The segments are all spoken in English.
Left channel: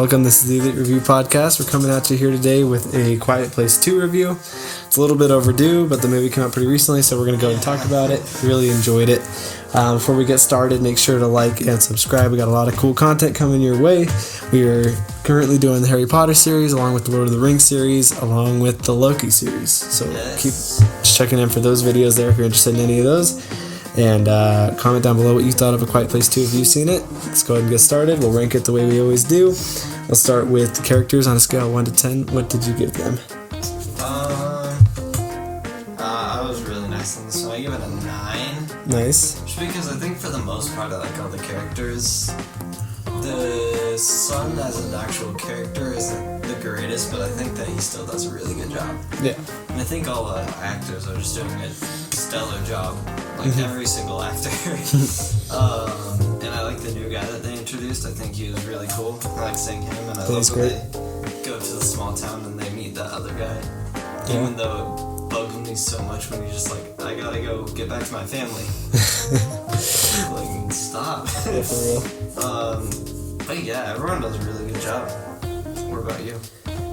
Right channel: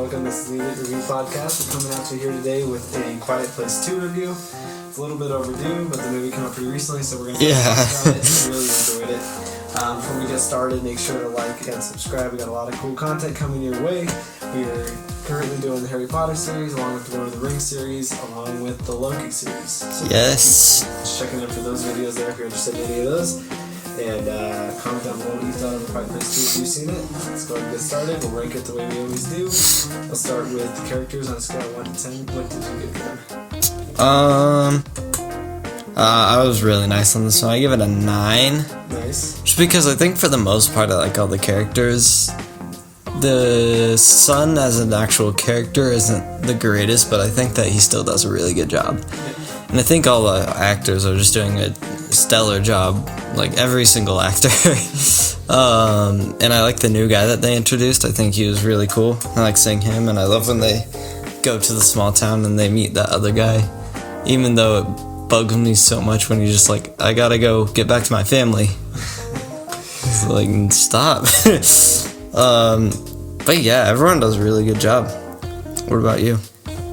welcome. This is the ELEET Review Podcast. We're coming at you here today with a Quiet Place 2 review. It's a little bit overdue, but the movie came out pretty recently, so we're going to go and talk about it. Really enjoyed it. Before we get started, make sure to like and subscribe. We got a lot of cool content coming your way. We are currently doing the Harry Potter series, along with the Lord of the Rings series, along with the Loki series. So keep just checking in for those videos there if you're interested in any of those. And comment down below what you thought of A Quiet Place 2 if you've seen it. Let's go ahead and get started. We'll rank it the way we always do. I'll start with characters on a scale of 1 to 10. What did you give them? I was really nice on this one. I give it a 9. Nice. Just because I think for the most part I like all the characters. The son as an actual character isn't the greatest, but I think that he still does a really good job. Yeah. And I think all the actors are just doing a stellar job. Like every single actor. And I like the new guy that they introduced. I think he was really cool. I like seeing him, and I love when they go to the small town and they meet that other guy. Even though it bugs me so much when you're just like, I gotta go get back to my family. Like, stop. But yeah, everyone does a really good job. What about you?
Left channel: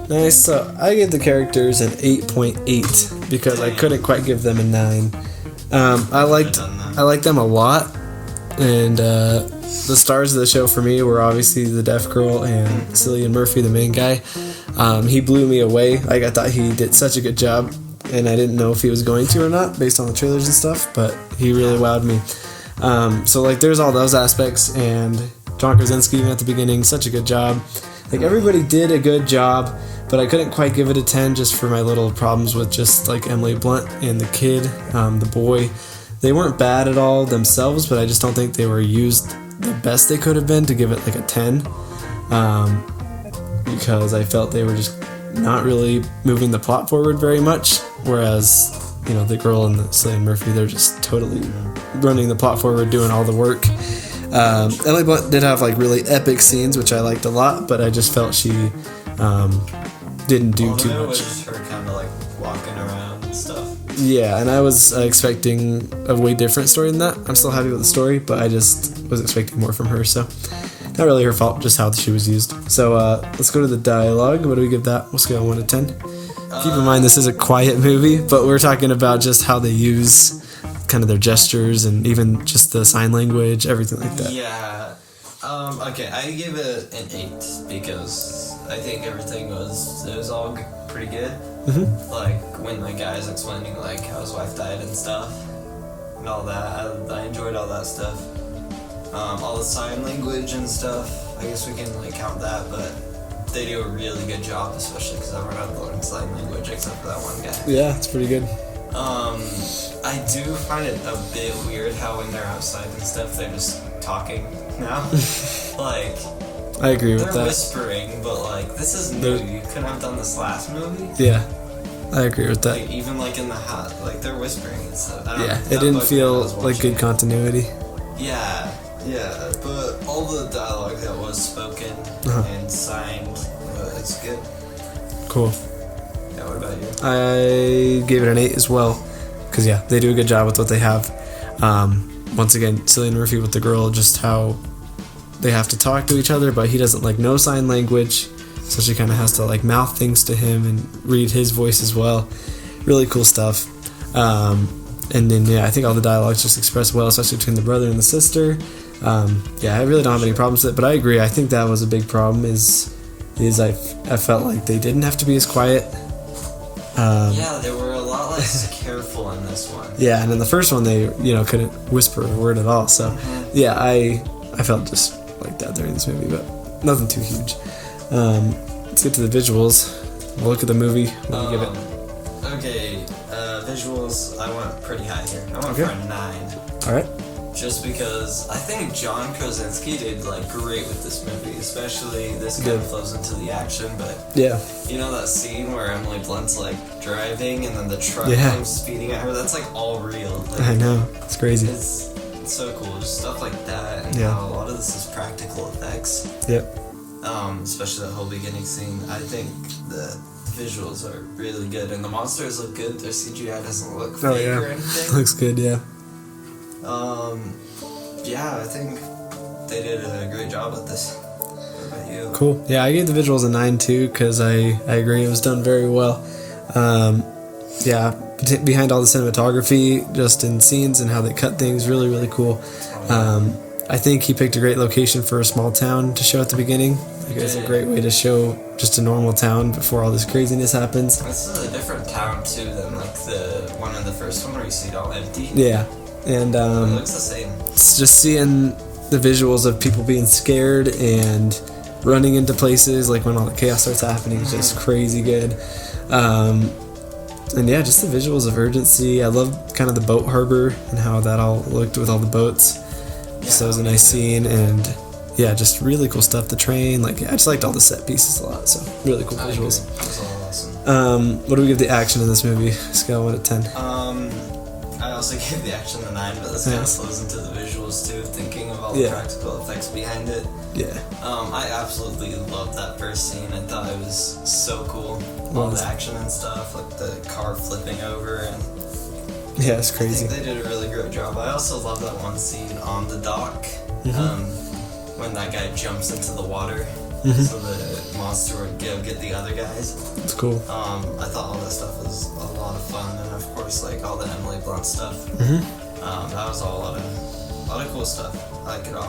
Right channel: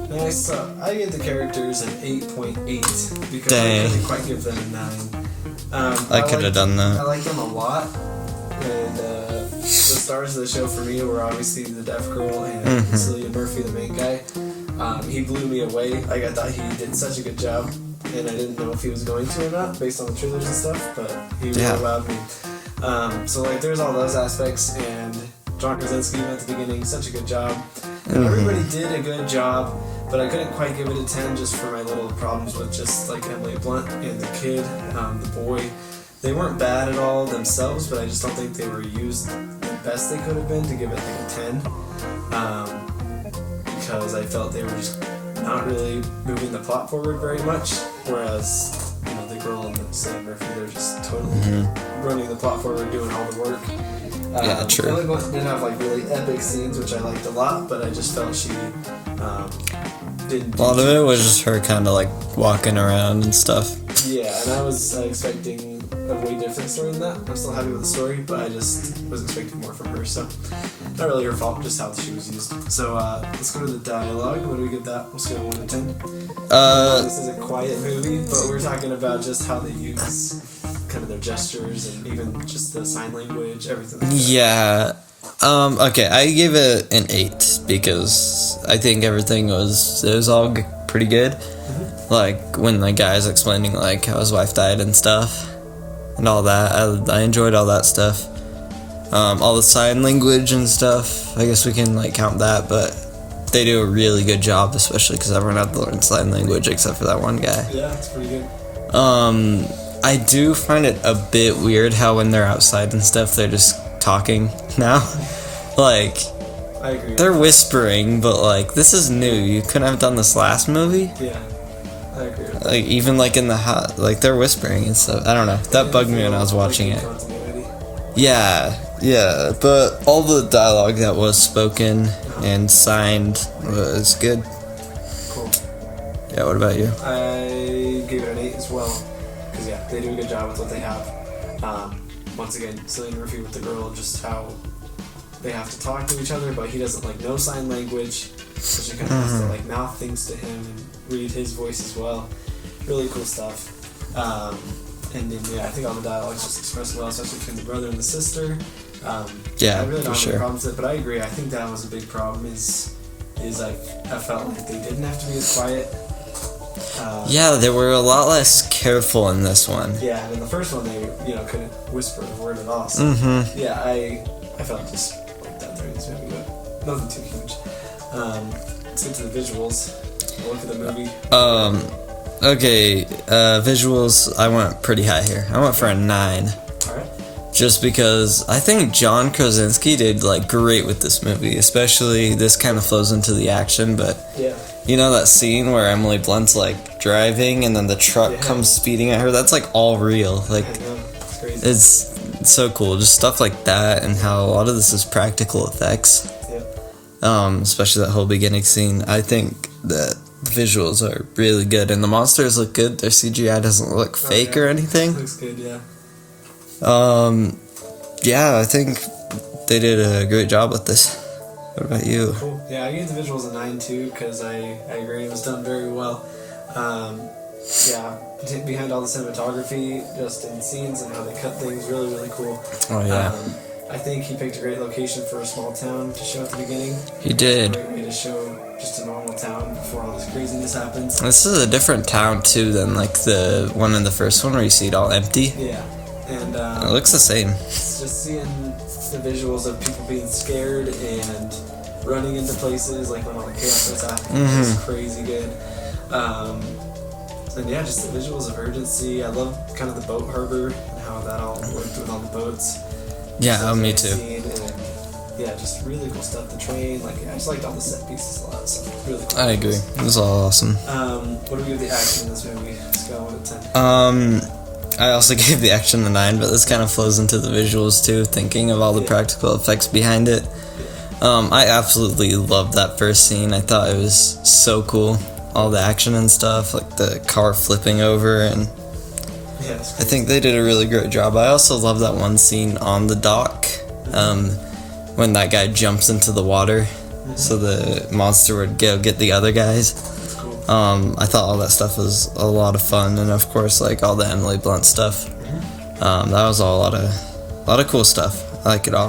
Nice. So I gave the characters an 8.8 because I couldn't quite give them a 9. I liked them a lot, and the stars of the show for me were obviously the deaf girl and Cillian Murphy, the main guy. He blew me away. Like, I thought he did such a good job, and I didn't know if he was going to or not based on the trailers and stuff, but he really wowed me. So like, there's all those aspects, and John Krasinski at the beginning, such a good job. Like, everybody did a good job, but I couldn't quite give it a 10 just for my little problems with just like Emily Blunt and the kid, the boy. They weren't bad at all themselves, but I just don't think they were used the best they could have been to give it like a 10. Because I felt they were just not really moving the plot forward very much, whereas, you know, the girl and the Cillian Murphy, they're just totally running the plot forward, doing all the work. Emily Blunt did have like really epic scenes, which I liked a lot, but I just felt she didn't do too much. A lot of it was just her kind of like walking around and stuff. Yeah, and I was expecting a way different story than that. I'm still happy with the story, but I just was expecting more from her, so not really her fault, just how she was used. So let's go to the dialogue. What do we give that? We'll scale 1 to 10. Keep in mind, this is a quiet movie, but we're talking about just how they use kind of their gestures and even just the sign language, everything like that. Yeah. Okay, I give it an 8 because I think everything was all pretty good. Like when the guy's explaining like how his wife died and stuff and all that. I enjoyed all that stuff. All the sign language and stuff, I guess we can like count that, but they do a really good job, especially because everyone had to learn sign language except for that one guy. Yeah, it's pretty good. I do find it a bit weird how when they're outside and stuff, they're just talking now. Like, I agree with they're that. Whispering, but like, this is new. You couldn't have done this last movie. Yeah, I agree with that. Like, even like in the hot, like they're whispering and stuff. I don't know. That bugged me when I was watching like good continuity. Yeah, but all the dialogue that was spoken and signed was good. Cool. Yeah, what about you? I gave it an 8 as well, because yeah, they do a good job with what they have. Once again, Cillian Murphy with the girl, just how they have to talk to each other, but he doesn't like know sign language, so she kind of has to like mouth things to him and read his voice as well. Really cool stuff. And then I think all the dialogues just expressed well, especially between the brother and the sister. I really don't have any problems with it, but I agree. I think that was a big problem. Is I felt like they didn't have to be as quiet. They were a lot less careful in this one. Yeah, and in the first one they couldn't whisper a word at all. So I felt just like that during this movie, but nothing too huge. Let's get to the visuals. We'll look at the movie. Okay, visuals, I went pretty high here. I went for a 9. Alright. Just because I think John Krasinski did like great with this movie, especially this kind of flows into the action, but you know that scene where Emily Blunt's like driving and then the truck comes speeding at her, that's like all real. Like, I know, it's crazy. It's so cool, just stuff like that, and how a lot of this is practical effects. Especially that whole beginning scene. I think that the visuals are really good, and the monsters look good. Their CGI doesn't look fake or anything. Looks good, yeah. I think they did a great job with this. What about you? Cool. Yeah, I gave the visuals a 9 too, because I agree it was done very well. Behind all the cinematography, just in scenes and how they cut things, really, really cool. Oh, yeah. I think he picked a great location for a small town to show at the beginning. He did. It's a great way to show just a normal town before all this craziness happens. This is a different town too than like the one in the first one where you see it all empty. Yeah, and it looks the same. It's just seeing the visuals of people being scared and running into places, like when all the chaos starts happening, it's just crazy good. And yeah, just the visuals of urgency. I love kind of the boat harbor and how that all looked with all the boats. Yeah, that was a nice scene, and yeah, just really cool stuff. The train, I just liked all the set pieces a lot. So really cool. I agree. It was all awesome. What do we give the action in this movie? Scale 1 to 10. I also gave the action a 9, but this kind of flows into the visuals too. Thinking of all the practical effects behind it. Yeah. I absolutely loved that first scene. I thought it was so cool. All the action and stuff, like the car flipping over, and yeah, it's crazy. I think they did a really great job. I also love that one scene on the dock, when that guy jumps into the water, so the monster would go get the other guys. That's cool. I thought all that stuff was a lot of fun, and of course, like all the Emily Blunt stuff. That was all a lot of cool stuff. I like it all.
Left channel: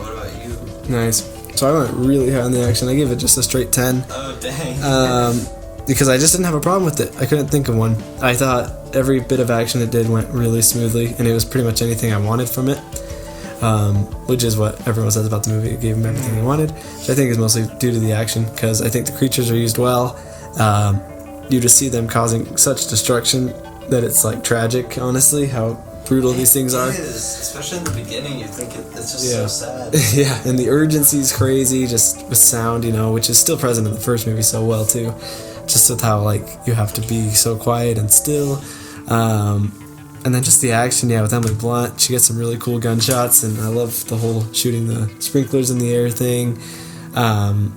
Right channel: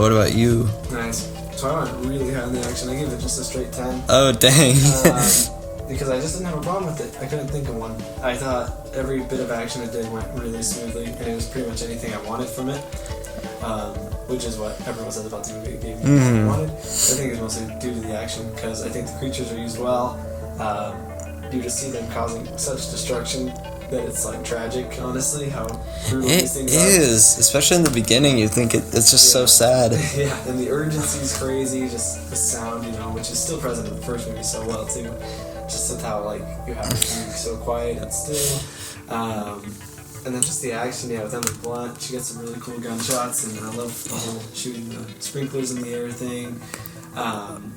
What about you? Nice. So I went really high on the action. I gave it just a straight 10. Oh, dang. Because I just didn't have a problem with it. I couldn't think of one. I thought every bit of action it did went really smoothly, and it was pretty much anything I wanted from it, which is what everyone says about the movie. It gave him everything he wanted. I think it's mostly due to the action, because I think the creatures are used well. You just see them causing such destruction that it's tragic, honestly, how brutal these things are. It is, especially in the beginning. You think it's just so sad. Yeah, and the urgency is crazy, just with sound, which is still present in the first movie so well too. Just with how you have to be so quiet and still, and then just the action, with Emily Blunt. She gets some really cool gunshots, and I love the whole shooting the sprinklers in the air thing. And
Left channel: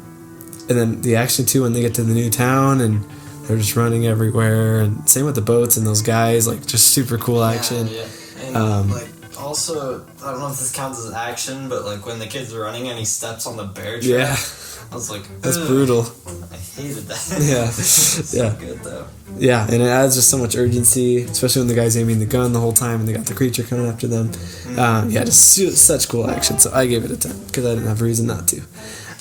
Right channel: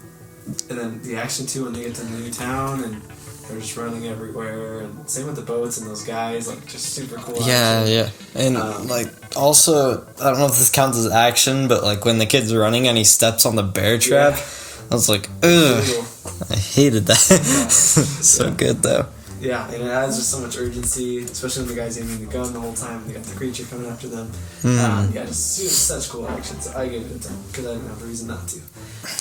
then the action too when they get to the new town and they're just running everywhere, and same with the boats and those guys, just super cool action. Yeah, and also, I don't know if this counts as action, but when the kid's running and he steps on the bear trap, I was like, ugh. Brutal. I hated that. Yeah. So good though. Yeah, and it adds just so much urgency, especially when the guy's aiming the gun the whole time and they got the creature coming after them. Just such cool action. So I gave it a 10 because I didn't have a reason not to.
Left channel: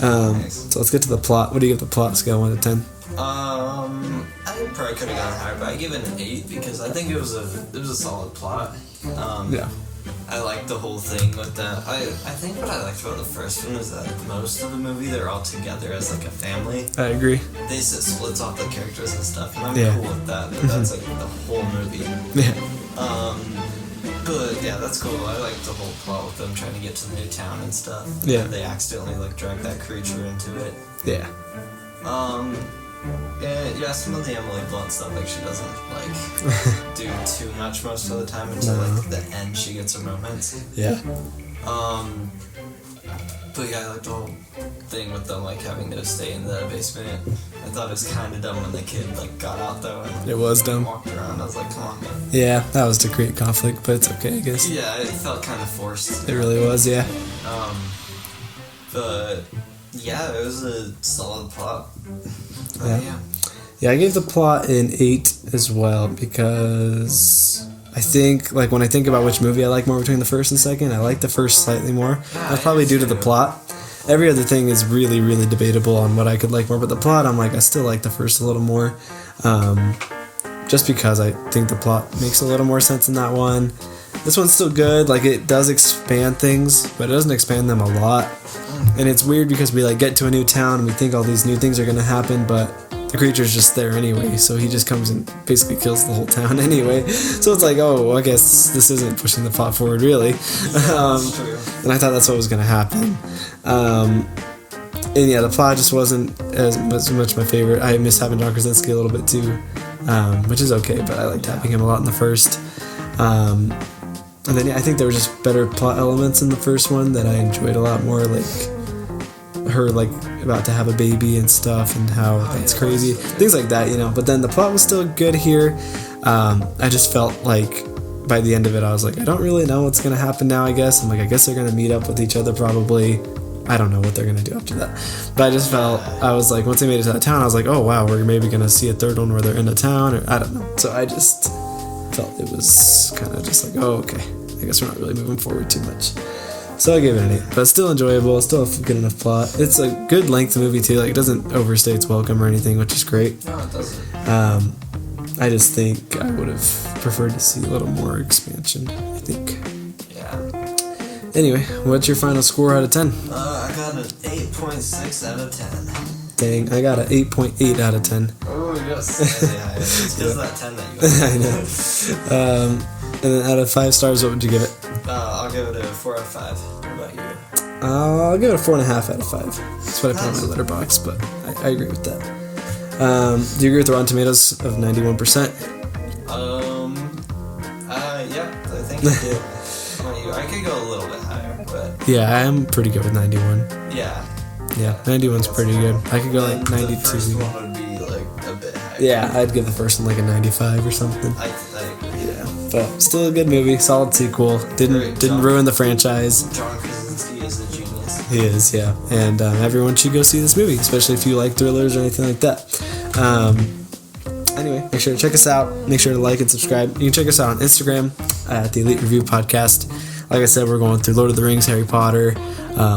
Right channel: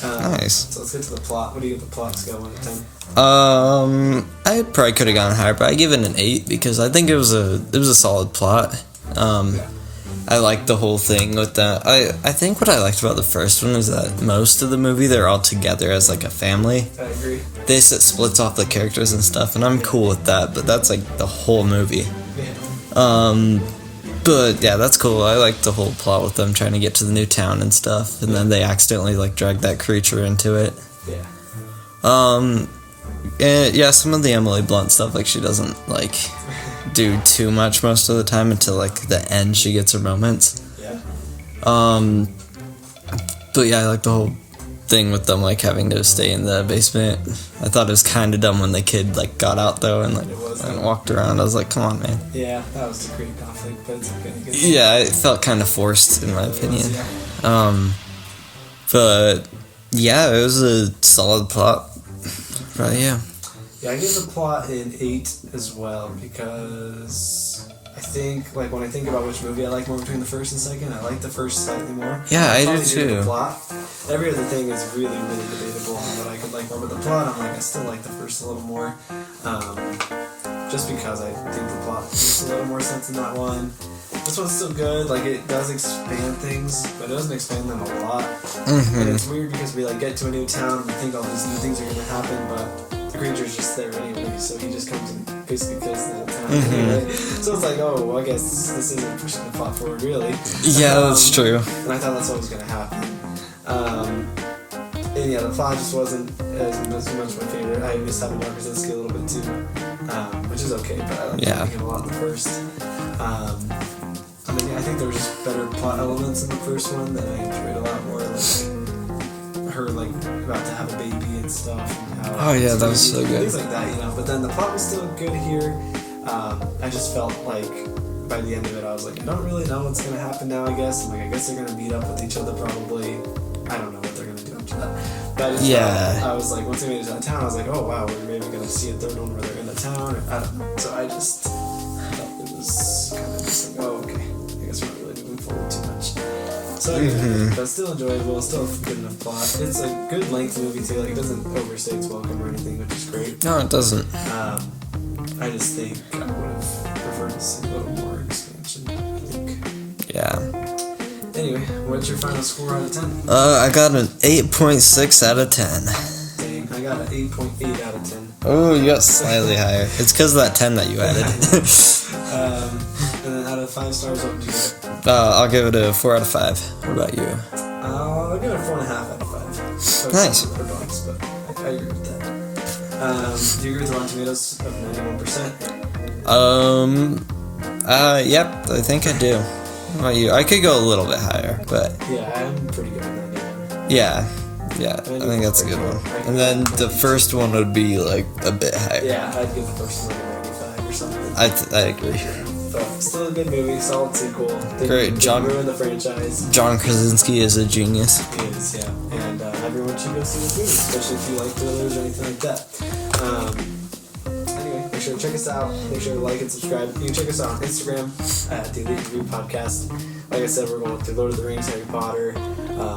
Nice. So let's get to the plot. What do you give the plot scale 1 to 10? I probably could have gone higher, but I give it an 8 because I think it was a solid plot. I liked the whole thing with that. I think what I liked about the first one is that most of the movie they're all together as a family. I agree. They splits off the characters and stuff, and I'm cool with that. But that's the whole movie. Yeah. But yeah, that's cool. I like the whole plot with them trying to get to the new town and stuff, and then they accidentally drag that creature into it. Yeah. And some of the Emily Blunt stuff, she doesn't do too much most of the time until the end. She gets her moments. Yeah. But yeah, I like the whole thing with them having to stay in the basement. I thought it was kind of dumb when the kid got out though and it was dumb. Walked around. I was like, come on, man. Yeah, that was to create conflict, but it's okay, I guess. Yeah, it felt kind of forced. It really was, yeah. But yeah, it was a solid plot. But yeah. Yeah, I gave the plot an 8 as well because I think, when I think about which movie I like more between the first and second, I like the first slightly more. Yeah, I probably due to the plot. Every other thing is really, really debatable on what I could like more, but the plot, I'm I still like the first a little more. Just because I think the plot makes a little more sense in that one. This one's still good. It does expand things, but it doesn't expand them a lot. And it's weird because we get to a new town and we think all these new things are going to happen, but the creature's just there anyway, so he just comes and basically kills the whole town anyway. So it's I guess this isn't pushing the plot forward really. Yeah, that's true. And I thought that's what was going to happen. And yeah, the plot just wasn't as much my favorite. I miss having John Krasinski a little bit too, which is okay, but I like having him a lot in the first. And then I think there were just better plot elements in the first one that I enjoyed a lot more, her about to have a baby and stuff and how it's crazy, so things like that, But then the plot was still good here. I just felt by the end of it I was I don't really know what's gonna happen now. I guess I guess they're gonna meet up with each other probably. I don't know what they're gonna do after that. But I just felt, I was like, once they made it out of town, I was like, oh wow, we're maybe gonna see a third one where they're in a town, or I don't know. So I just felt it was kind of just like, oh okay, I guess we're not really moving forward too much. So I give it an 8, but still enjoyable, still a good enough plot. It's a good length movie too, like it doesn't overstay its welcome or anything, which is great. No, it doesn't. I just think I would have preferred to see a little more expansion, I think. Yeah. Anyway, what's your final score out of 10? I got an 8.6 out of 10. Dang, I got an 8.8 out of 10. Oh, you got slightly higher. It's because of that 10 that you added. And then out of 5 stars, what would you give it? I'll give it a 4 out of 5. What about you? I'll give it a 4.5 out of 5. That's what I found on Letterboxd, but I agree with that. Do you agree with the Rotten Tomatoes of 91%? Yep, I think I do. How about you? I could go a little bit higher, but... Yeah, I'm pretty good with 91. Yeah. 91 is pretty good. I could go then the first one would be, like, a bit higher. Yeah, I'd give the first one, like, a 95 or something. I agree, yeah. But still a good movie, solid sequel. Didn't ruin the franchise. John Krasinski is a genius. He is, yeah. And everyone should go see this movie, especially if you like thrillers or anything like that. Anyway, make sure to check us out. Make sure to like and subscribe. You can check us out on Instagram at the Elite Review Podcast. Like I said, we're going through Lord of the Rings, Harry Potter,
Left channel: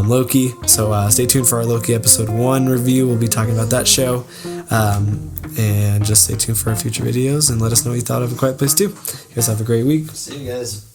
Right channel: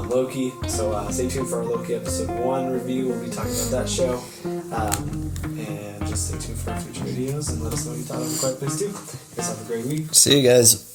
Loki. So stay tuned for our Loki episode 1 review. We'll be talking about that show. And just stay tuned for our future videos and let us know what you thought of A Quiet Place 2. You guys have a great week. See you guys.